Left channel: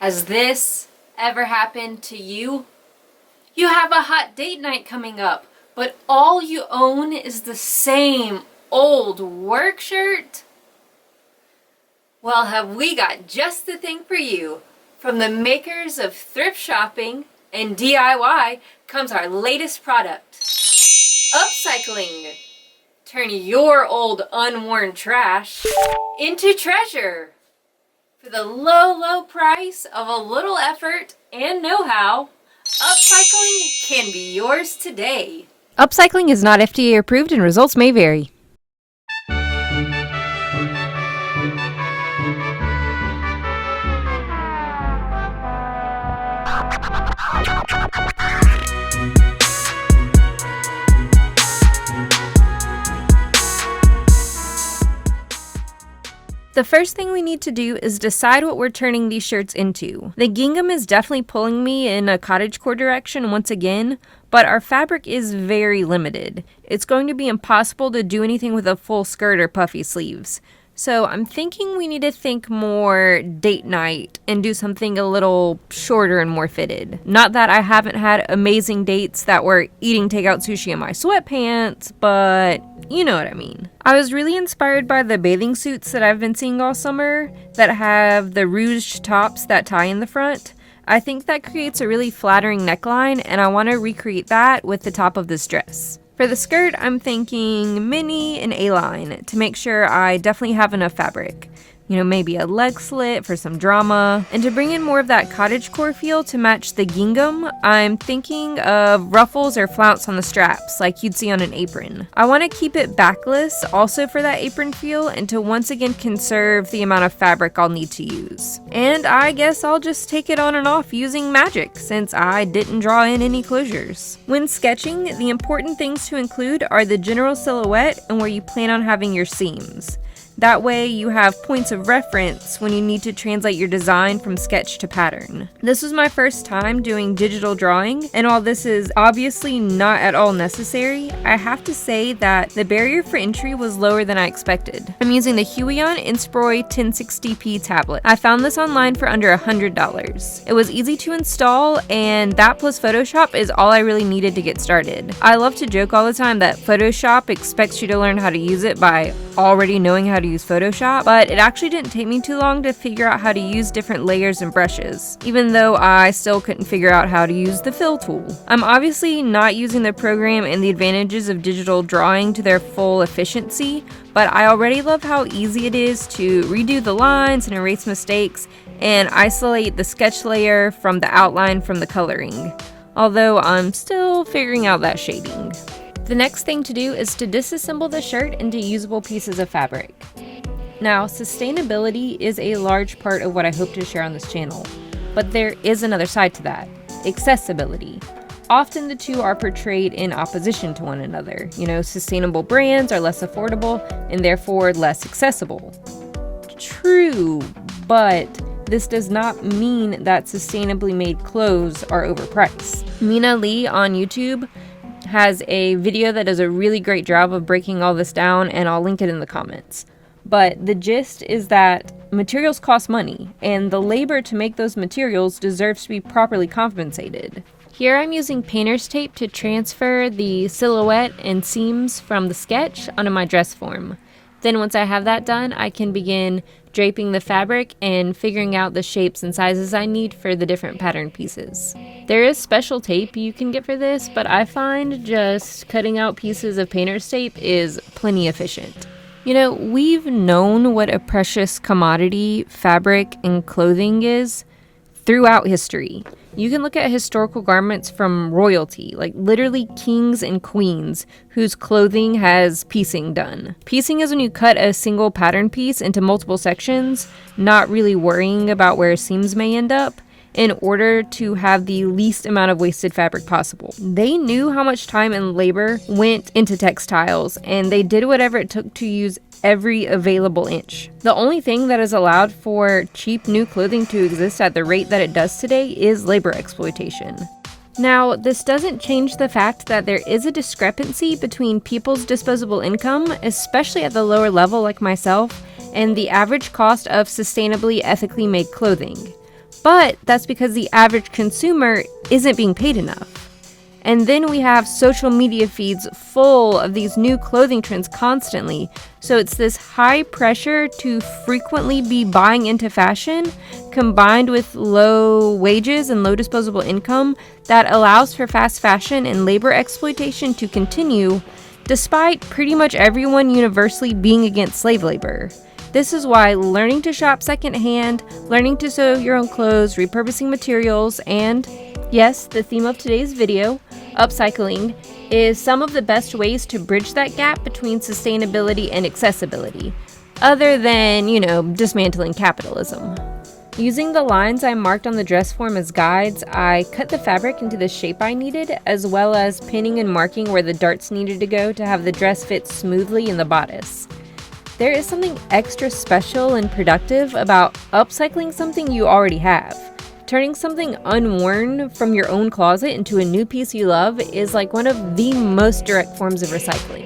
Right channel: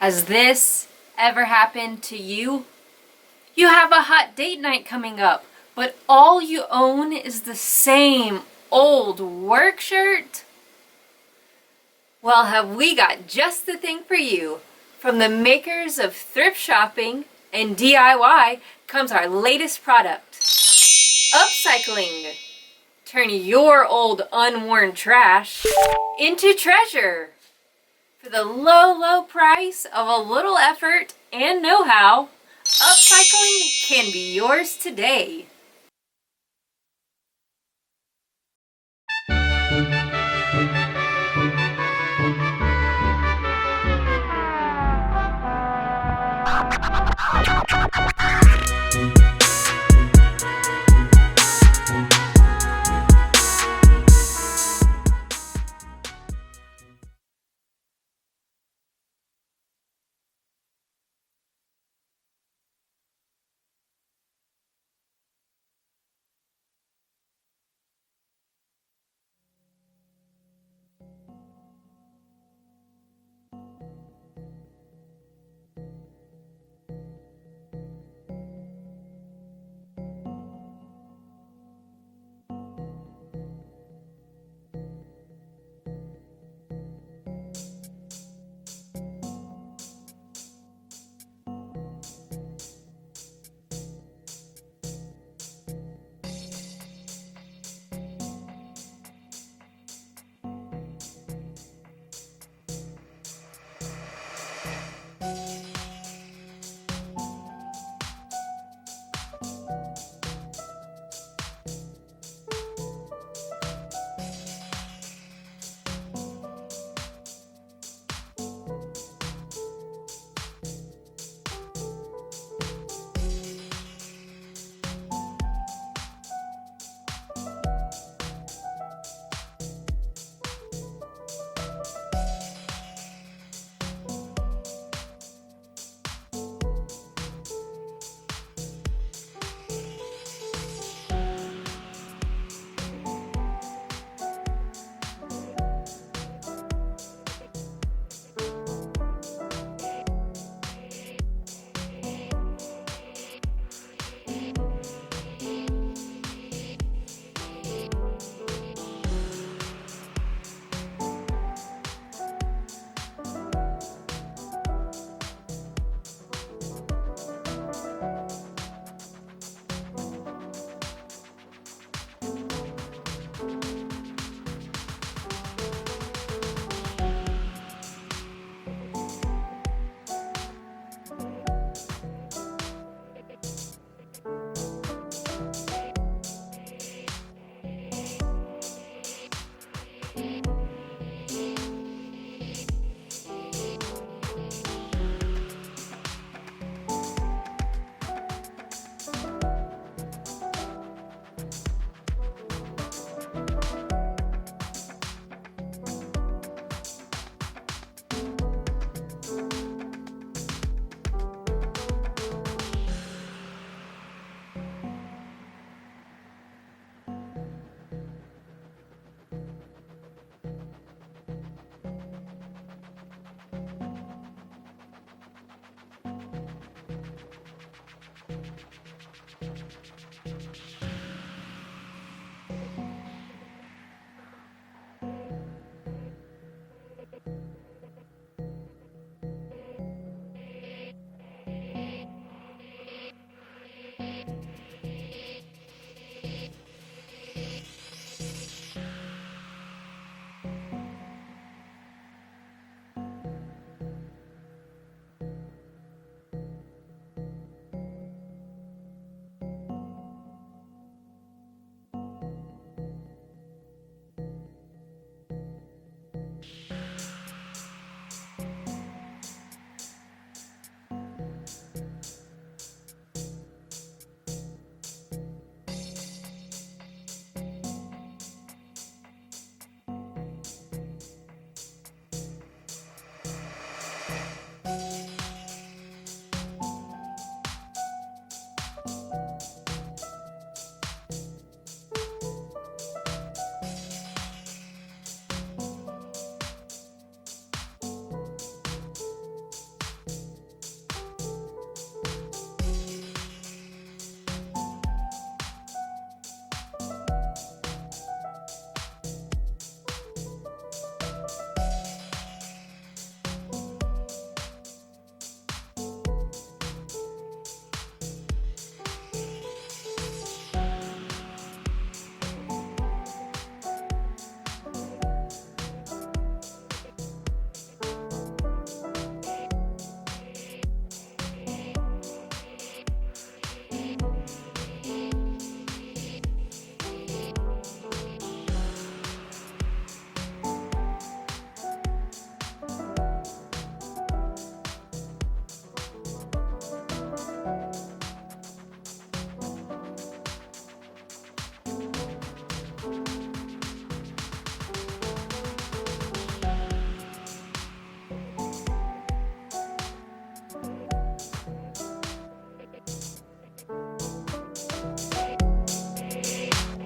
Has this ever happened to you? You have a hot date night coming up, but all you own is the same old work shirt? Well, have we got just the thing for you. From the makers of thrift shopping and DIY comes our latest product, upcycling. Turn your old unworn trash into treasure. For the low price of a little effort and know-how, upcycling can be yours today. Upcycling is not FDA approved and results may vary. The first thing we need to do is decide what we're turning these shirts into. The gingham is definitely pulling me in a cottagecore direction once again, but our fabric is very limited. It's going to be impossible to do anything with a full skirt or puffy sleeves. So I'm thinking we need to think more date night and do something a little shorter and more fitted. Not that I haven't had amazing dates that were eating takeout sushi in my sweatpants, but you know what I mean. I was really inspired by the bathing suits that I've been seeing all summer that have the ruched tops that tie in the front. I think that creates a really flattering neckline, and I want to recreate that with the top of this dress. For the skirt, I'm thinking mini and A-line to make sure I definitely have enough fabric. You know, maybe a leg slit for some drama. And to bring in more of that cottagecore feel to match the gingham, I'm thinking of ruffles or flounce on the straps like you'd see on an apron. I want to keep it backless also for that apron feel and to once again conserve the amount of fabric I'll need to use. And I guess I'll just take it on and off using magic since I didn't draw in any closures. When sketching, the important things to include are the general silhouette and where you plan on having your seams. That way you have points of reference when you need to translate your design from sketch to pattern. This was my first time doing digital drawing, and while this is obviously not at all necessary, I have to say that the barrier for entry was lower than I expected. I'm using the Huion Inspiroi 1060p tablet. I found this online for under $100. It was easy to install, and that plus Photoshop is all I really needed to get started. I love to joke all the time that Photoshop expects you to learn how to use it by already knowing how to use Photoshop, but it actually didn't take me too long to figure out how to use different layers and brushes, even though I still couldn't figure out how to use the fill tool. I'm obviously not using the program and the advantages of digital drawing to their full efficiency, but I already love how easy it is to redo the lines and erase mistakes and isolate the sketch layer from the outline from the coloring, although I'm still figuring out that shading. The next thing to do is to disassemble the shirt into usable pieces of fabric. Now, sustainability is a large part of what I hope to share on this channel, but there is another side to that, accessibility. Often the two are portrayed in opposition to one another. You know, sustainable brands are less affordable and therefore less accessible. True, but this does not mean that sustainably made clothes are overpriced. Mina Lee on YouTube has a video that does a really great job of breaking all this down, and I'll link it in the comments. But the gist is that materials cost money, and the labor to make those materials deserves to be properly compensated. Here I'm using painter's tape to transfer the silhouette and seams from the sketch onto my dress form. Then once I have that done, I can begin draping the fabric and figuring out the shapes and sizes I need for the different pattern pieces. There is special tape you can get for this, but I find just cutting out pieces of painter's tape is plenty efficient. You know, we've known what a precious commodity fabric and clothing is throughout history. You can look at historical garments from royalty, like literally kings and queens, whose clothing has piecing done. Piecing is when you cut a single pattern piece into multiple sections, not really worrying about where seams may end up, in order to have the least amount of wasted fabric possible. They knew how much time and labor went into textiles, and they did whatever it took to use every available inch. The only thing that has allowed for cheap new clothing to exist at the rate that it does today is labor exploitation. Now, this doesn't change the fact that there is a discrepancy between people's disposable income, especially at the lower level like myself, and the average cost of sustainably, ethically made clothing. But that's because the average consumer isn't being paid enough. And then we have social media feeds full of these new clothing trends constantly. So it's this high pressure to frequently be buying into fashion combined with low wages and low disposable income that allows for fast fashion and labor exploitation to continue despite pretty much everyone universally being against slave labor. This is why learning to shop secondhand, learning to sew your own clothes, repurposing materials, and yes, the theme of today's video, upcycling, is some of the best ways to bridge that gap between sustainability and accessibility, other than, dismantling capitalism. Using the lines I marked on the dress form as guides, I cut the fabric into the shape I needed, as well as pinning and marking where the darts needed to go to have the dress fit smoothly in the bodice. There is something extra special and productive about upcycling something you already have. Turning something unworn from your own closet into a new piece you love is like one of the most direct forms of recycling.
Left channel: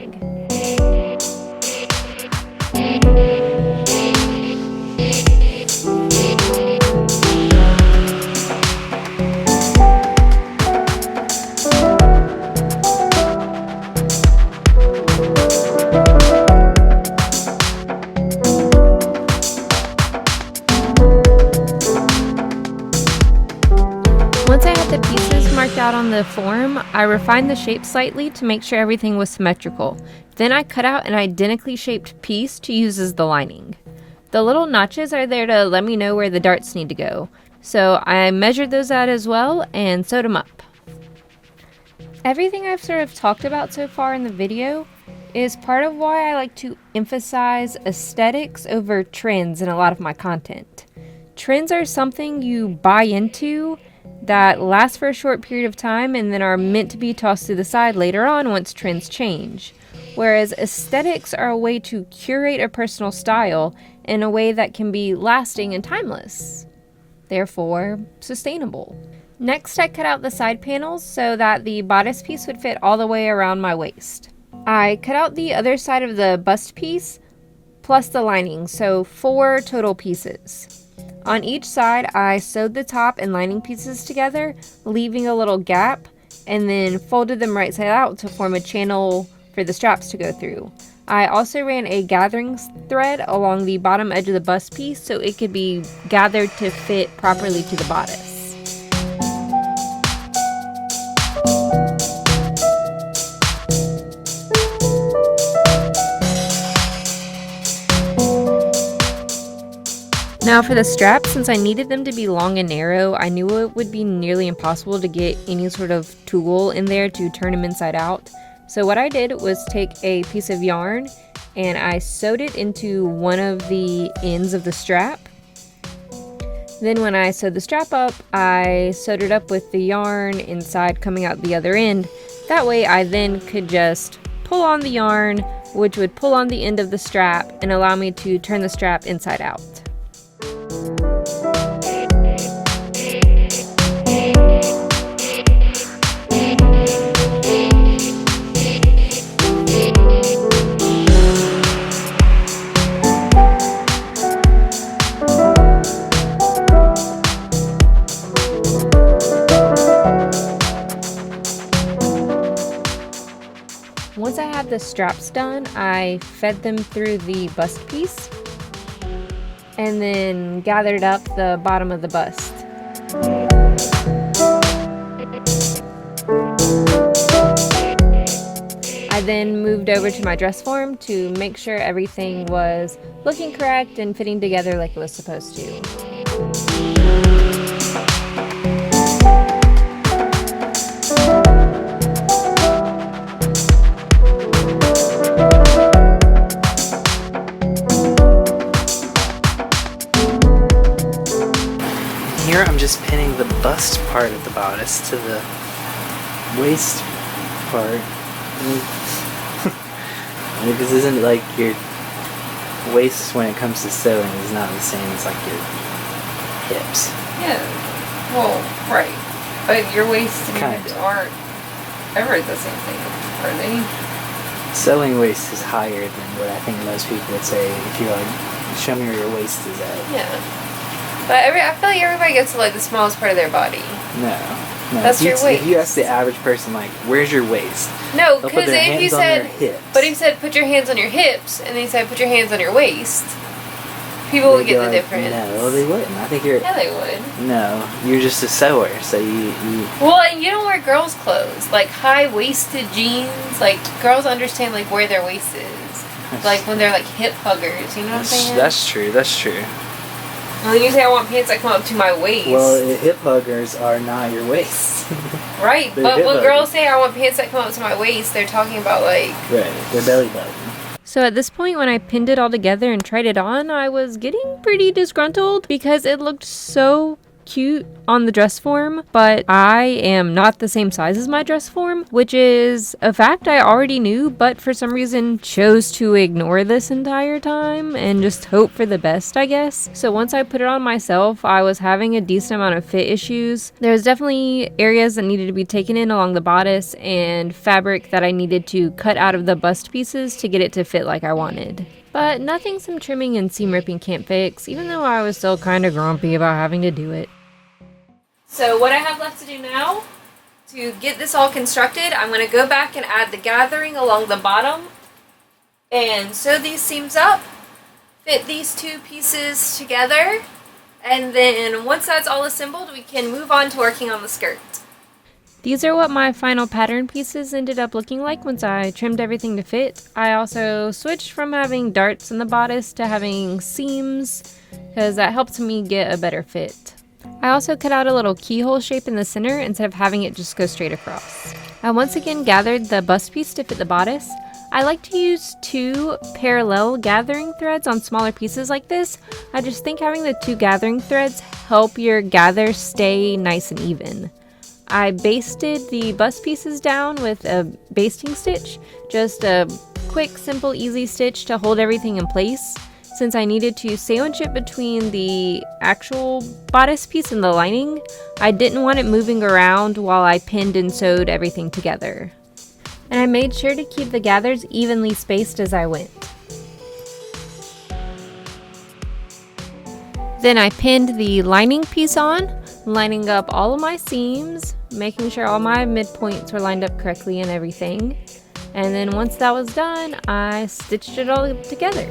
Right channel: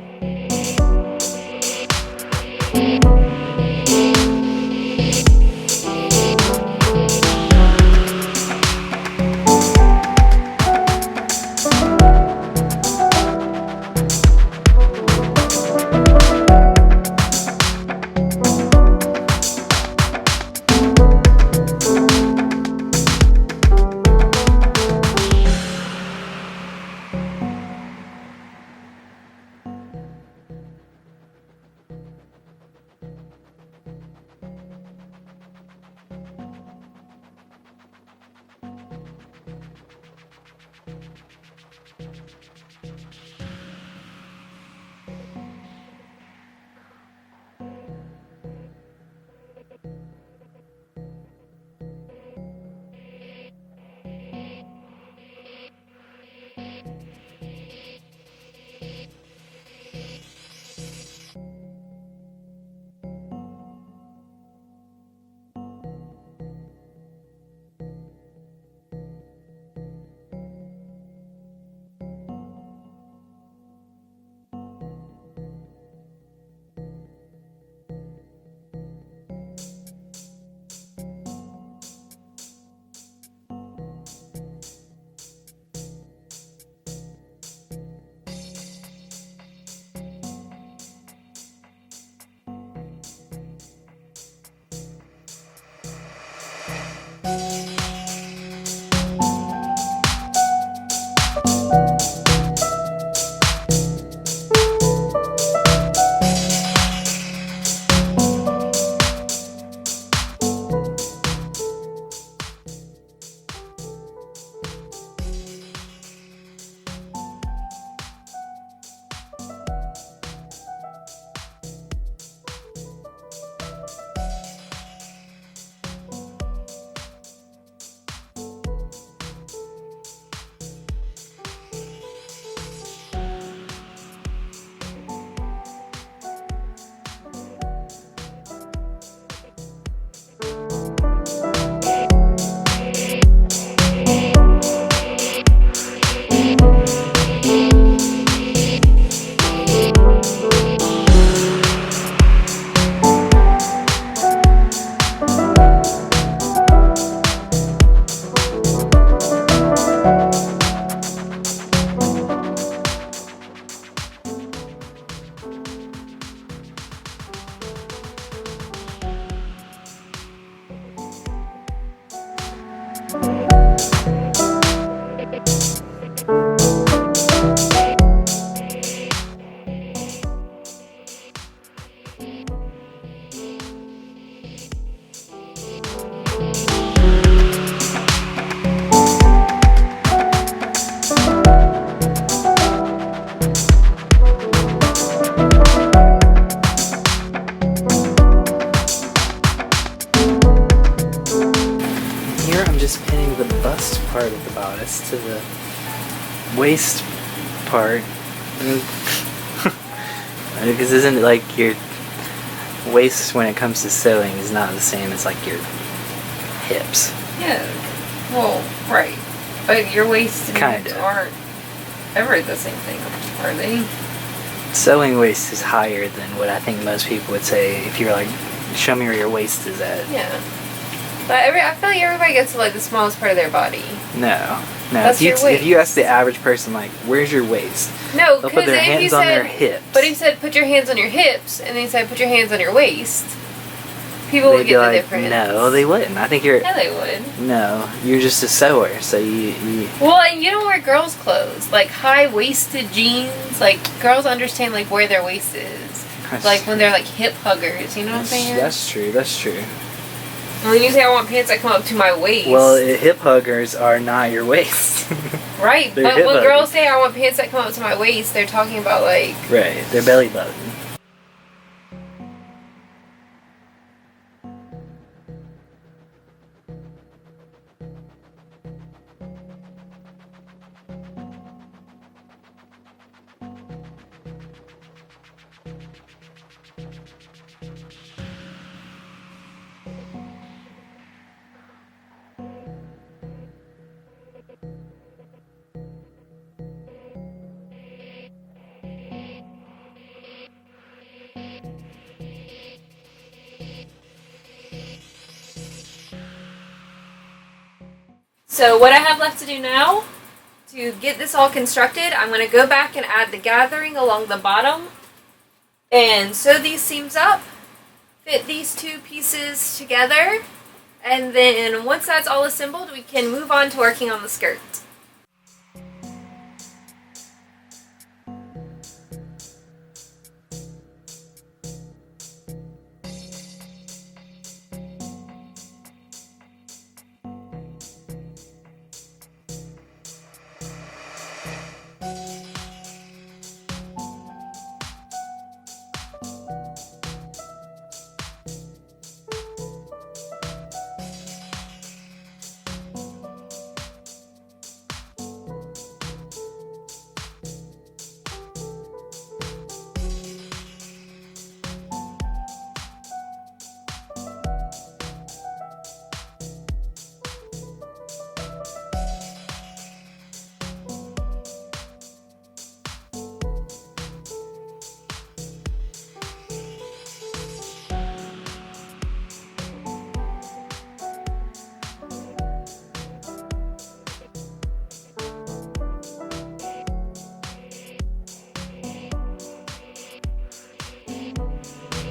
Form, I refined the shape slightly to make sure everything was symmetrical. Then I cut out an identically shaped piece to use as the lining. The little notches are there to let me know where the darts need to go, so I measured those out as well and sewed them up. Everything I've sort of talked about so far in the video is part of why I like to emphasize aesthetics over trends in a lot of my content. Trends are something you buy into that last for a short period of time and then are meant to be tossed to the side later on once trends change. Whereas aesthetics are a way to curate a personal style in a way that can be lasting and timeless. Therefore, sustainable. Next, I cut out the side panels so that the bodice piece would fit all the way around my waist. I cut out the other side of the bust piece plus the lining, so 4 total pieces. On each side, I sewed the top and lining pieces together, leaving a little gap, and then folded them right side out to form a channel for the straps to go through. I also ran a gathering thread along the bottom edge of the bust piece so it could be gathered to fit properly to the bodice. Now for the straps, since I needed them to be long and narrow, I knew it would be nearly impossible to get any sort of tool in there to turn them inside out. So what I did was take a piece of yarn and I sewed it into one of the ends of the strap. Then when I sewed the strap up, I sewed it up with the yarn inside coming out the other end. That way I then could just pull on the yarn, which would pull on the end of the strap and allow me to turn the strap inside out. Once I had the straps done, I fed them through the bust piece and then gathered up the bottom of the bust. I then moved over to my dress form to make sure everything was looking correct and fitting together like it was supposed to. Here I'm just pinning the bust part of the bodice to the waist part. Because isn't it like your waist when it comes to sewing is not the same as like your hips? Yeah, well, right. But your waist and Kinda. hips aren't ever the same thing, are they? Sewing waist is higher than what I think most people would say if you're like, show me where your waist is at. Yeah. But I feel like everybody gets to like the smallest part of their body. No. That's your waist. If you ask the average person, like, where's your waist? No, they'll put their hands on their hips. But if you said put your hands on your hips, and then you said put your hands on your waist, people would get the difference. No, they wouldn't. I think you're... Yeah, they would. No, you're just a sewer, so you... Well, and you don't wear girls' clothes. Like, high-waisted jeans. Like, girls understand, like, where their waist is. Like, when they're, like, hip huggers. You know what I'm saying? That's true. That's true. And when you say I want pants that come up to my waist. Well, hip huggers are not your waist. Right, but when girls say I want pants that come up to my waist, they're talking about, like... Right, their belly button. So at this point, when I pinned it all together and tried it on, I was getting pretty disgruntled because it looked so cute on the dress form, but I am not the same size as my dress form, which is a fact I already knew, but for some reason chose to ignore this entire time and just hope for the best, I guess. So once I put it on myself, I was having a decent amount of fit issues. There was definitely areas that needed to be taken in along the bodice and fabric that I needed to cut out of the bust pieces to get it to fit like I wanted. But nothing some trimming and seam ripping can't fix, even though I was still kind of grumpy about having to do it. So what I have left to do now, to get this all constructed, I'm going to go back and add the gathering along the bottom and sew these seams up, fit these two pieces together, and then once that's all assembled, we can move on to working on the skirt. These are what my final pattern pieces ended up looking like once I trimmed everything to fit. I also switched from having darts in the bodice to having seams because that helps me get a better fit. I also cut out a little keyhole shape in the center instead of having it just go straight across. I once again gathered the bust piece to fit the bodice. I like to use 2 parallel gathering threads on smaller pieces like this. I just think having the 2 gathering threads help your gather stay nice and even. I basted the bust pieces down with a basting stitch, just a quick, simple, easy stitch to hold everything in place. Since I needed to sandwich it between the actual bodice piece and the lining, I didn't want it moving around while I pinned and sewed everything together. And I made sure to keep the gathers evenly spaced as I went. Then I pinned the lining piece on, lining up all of my seams, making sure all my midpoints were lined up correctly and everything. And then once that was done, I stitched it all together.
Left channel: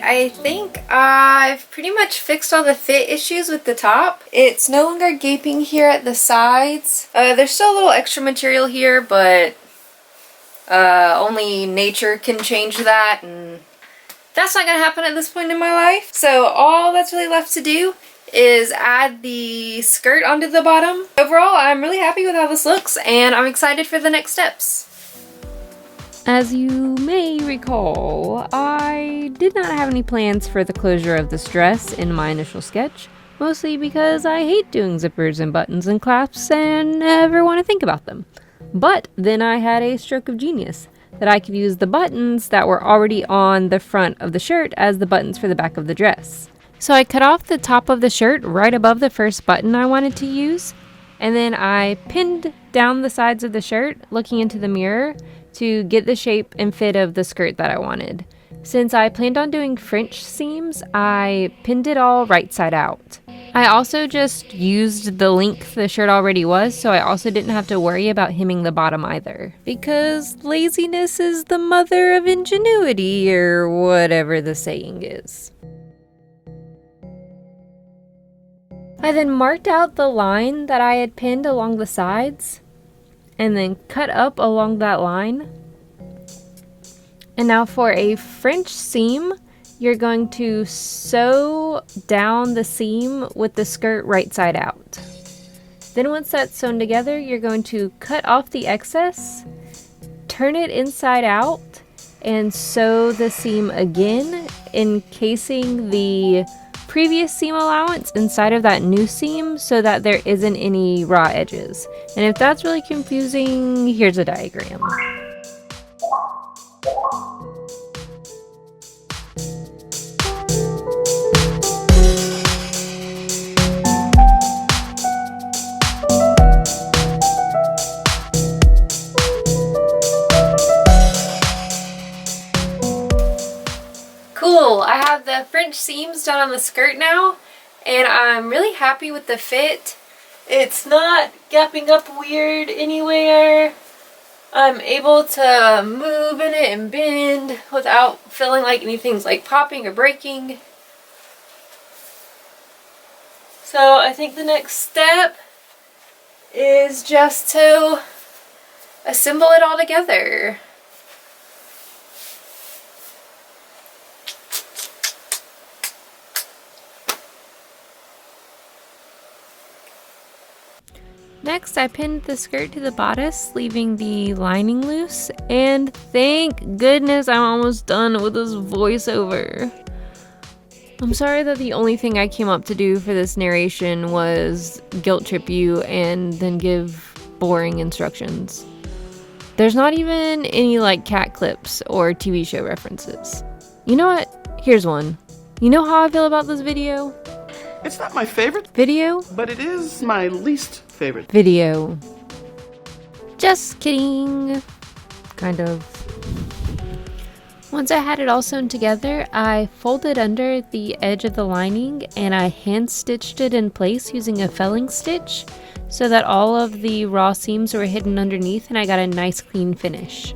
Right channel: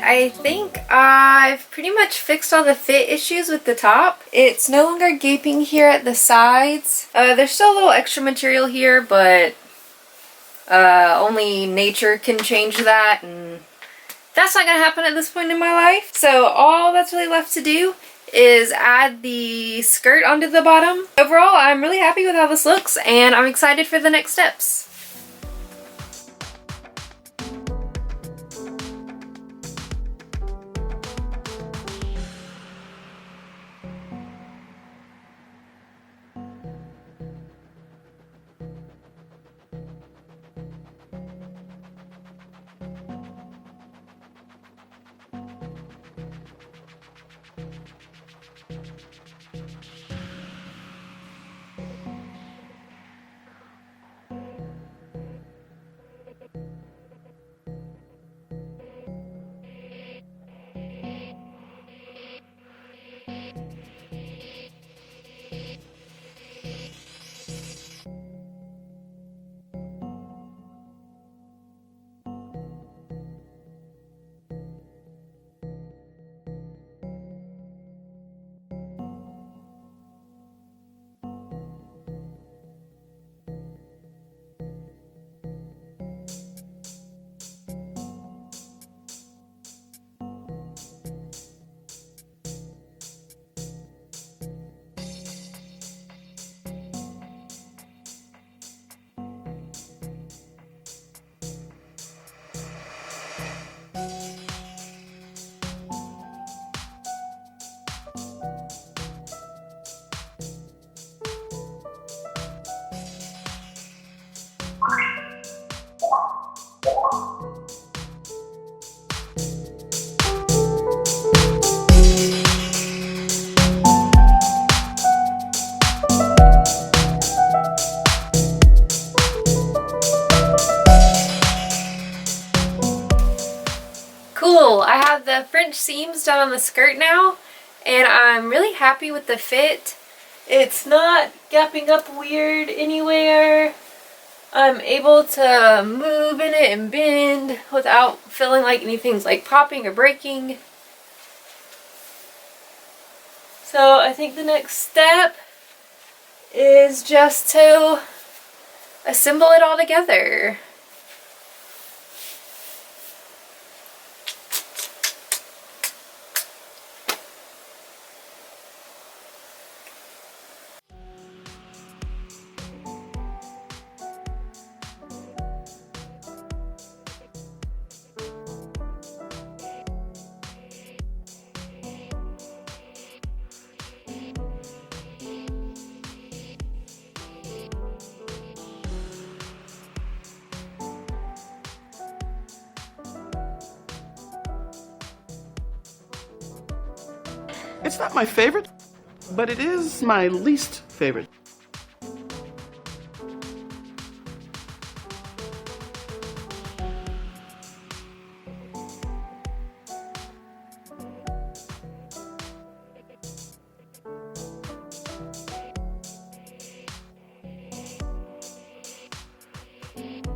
I think I've pretty much fixed all the fit issues with the top. It's no longer gaping here at the sides. There's still a little extra material here, but only nature can change that, and that's not gonna happen at this point in my life. So all that's really left to do is add the skirt onto the bottom. Overall, I'm really happy with how this looks, and I'm excited for the next steps. As you may recall, I did not have any plans for the closure of this dress in my initial sketch, mostly because I hate doing zippers and buttons and clasps and never want to think about them. But then I had a stroke of genius, that I could use the buttons that were already on the front of the shirt as the buttons for the back of the dress. So I cut off the top of the shirt right above the first button I wanted to use, and then I pinned down the sides of the shirt, looking into the mirror, to get the shape and fit of the skirt that I wanted. Since I planned on doing French seams, I pinned it all right side out. I also just used the length the shirt already was, so I also didn't have to worry about hemming the bottom either. Because laziness is the mother of ingenuity, or whatever the saying is. I then marked out the line that I had pinned along the sides, and then cut up along that line. And now for a French seam, you're going to sew down the seam with the skirt right side out. Then once that's sewn together, you're going to cut off the excess, turn it inside out, and sew the seam again, encasing the previous seam allowance inside of that new seam so that there isn't any raw edges. And if that's really confusing, here's a diagram. Cool, I have the French seams done on the skirt now, and I'm really happy with the fit. It's not gapping up weird anywhere. I'm able to move in it and bend without feeling like anything's like popping or breaking. So I think the next step is just to assemble it all together. Next, I pinned the skirt to the bodice, leaving the lining loose, and thank goodness I'm almost done with this voiceover. I'm sorry that the only thing I came up to do for this narration was guilt trip you and then give boring instructions. There's not even any like cat clips or TV show references. You know what? Here's one. You know how I feel about this video? It's not my favorite Video? but it is my least favorite. Video. Just kidding. Kind of. Once I had it all sewn together, I folded under the edge of the lining and I hand stitched it in place using a felling stitch so that all of the raw seams were hidden underneath and I got a nice clean finish.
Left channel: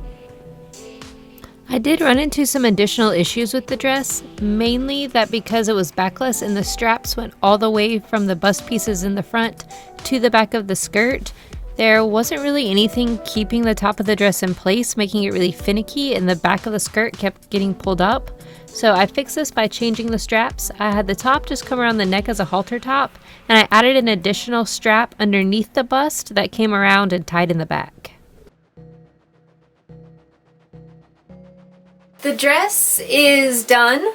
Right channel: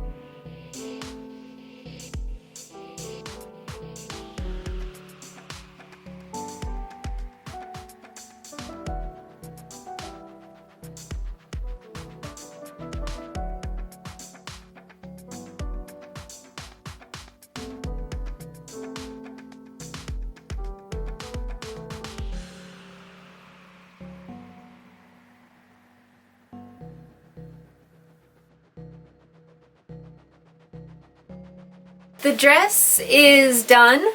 I did run into some additional issues with the dress, mainly that because it was backless and the straps went all the way from the bust pieces in the front to the back of the skirt, there wasn't really anything keeping the top of the dress in place, making it really finicky, and the back of the skirt kept getting pulled up. So I fixed this by changing the straps. I had the top just come around the neck as a halter top, and I added an additional strap underneath the bust that came around and tied in the back. The dress is done,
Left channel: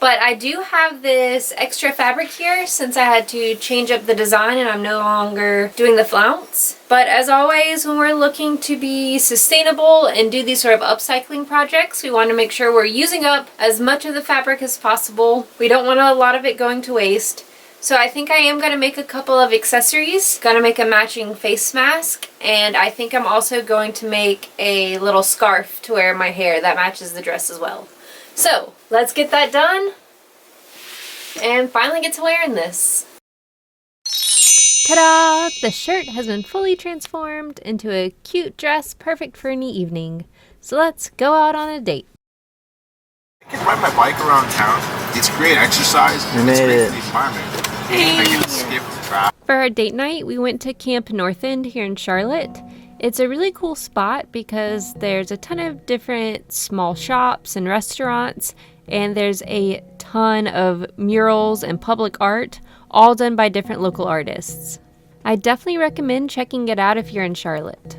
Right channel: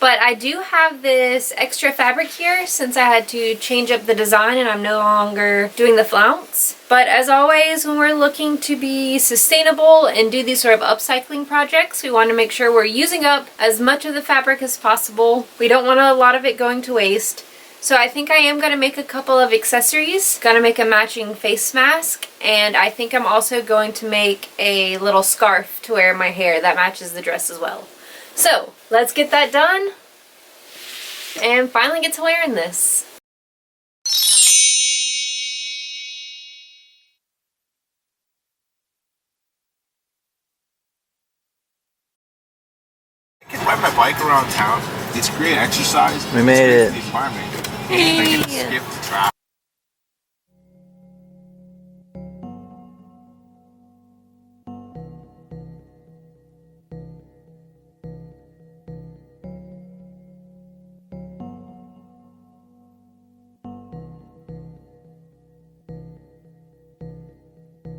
but I do have this extra fabric here since I had to change up the design and I'm no longer doing the flounce. But as always, when we're looking to be sustainable and do these sort of upcycling projects, we want to make sure we're using up as much of the fabric as possible. We don't want a lot of it going to waste. So I think I am going to make a couple of accessories. Going to make a matching face mask, and I think I'm also going to make a little scarf to wear in my hair that matches the dress as well. So let's get that done and finally get to wearing this. Ta-da! The shirt has been fully transformed into a cute dress perfect for any evening. So let's go out on a date. I can ride my bike around town. It's great exercise. We made it. The environment. I can skip the traffic. For our date night, we went to Camp North End here in Charlotte. It's a really cool spot because there's a ton of different small shops and restaurants, and there's a ton of murals and public art, all done by different local artists. I definitely recommend checking it out if you're in Charlotte.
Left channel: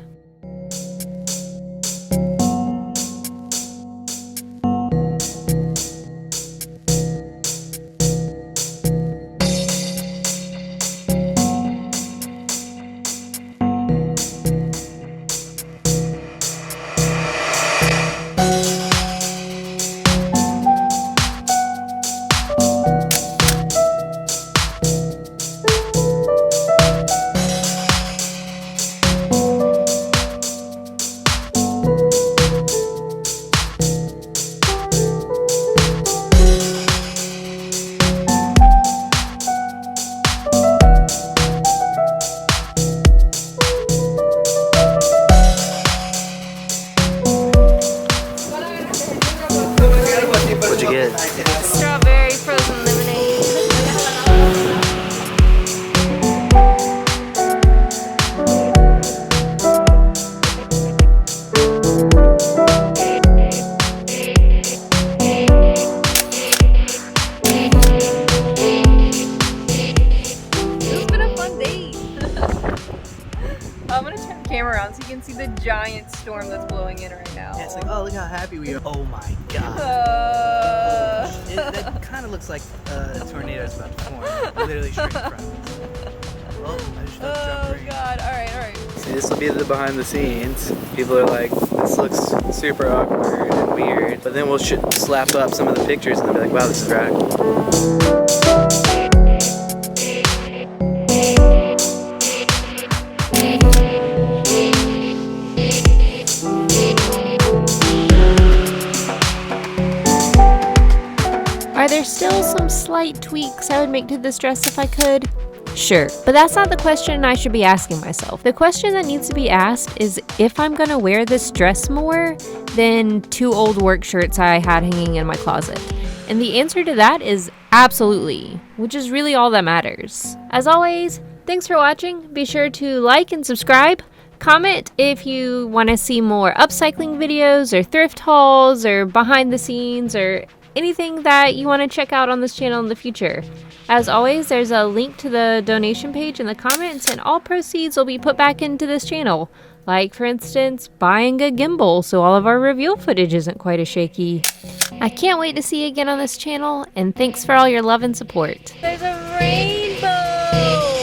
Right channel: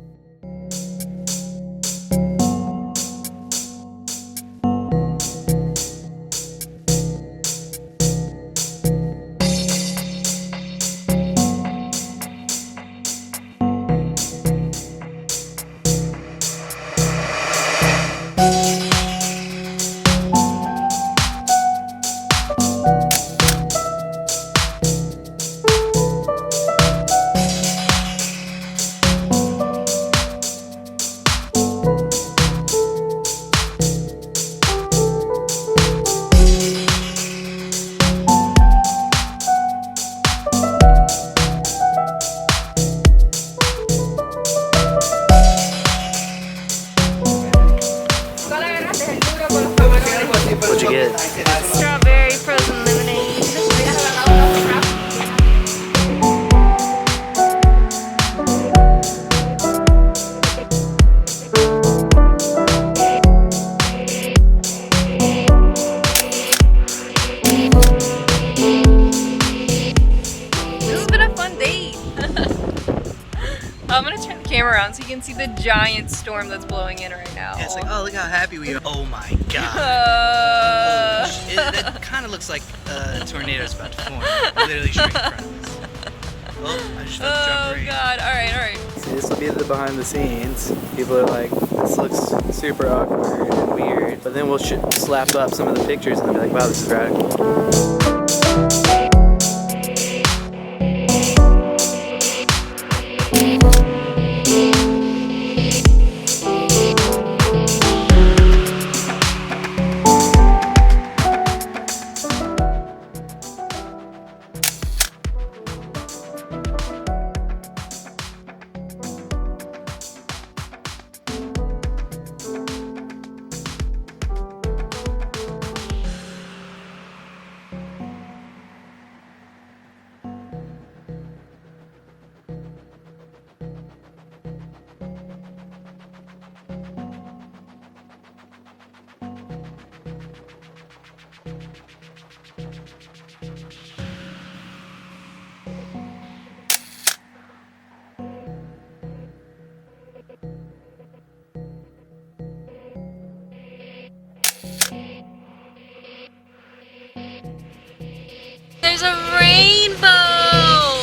What'd you get? Strawberry frozen lemonade. This has been a fun date. I'm gonna turn the camera around so you can see the giant storm that's blowing in right now. Yeah, it's like, oh, look how happy we are. Oh my god. That kind of looks like a tornado's about to form. Literally straight in front of us. Oh, I just felt the drop of rain. Oh god, alright. See, this will be the behind the scenes. People are like, this looks super awkward and weird. But then we'll slap up some of the pictures and they'll be like, wow, this is radical. Are there still some slight tweaks I would make to this dress if I could? Sure, but that's not the question I should be asking myself. The question that needs to be asked is if I'm gonna wear this dress more than 2 old work shirts I had hanging in my closet. And the answer to that is absolutely, which is really all that matters. As always, thanks for watching. Be sure to like and subscribe. Comment if you want to see more upcycling videos or thrift hauls or behind the scenes or anything that you want to check out on this channel in the future. As always, there's a link to the donation page in the comments and all proceeds will be put back into this channel. Like, for instance, buying a gimbal so all of our reveal footage isn't quite as shaky. I can't wait to see you again on this channel, and thanks for all your love and support. There's a rainbow!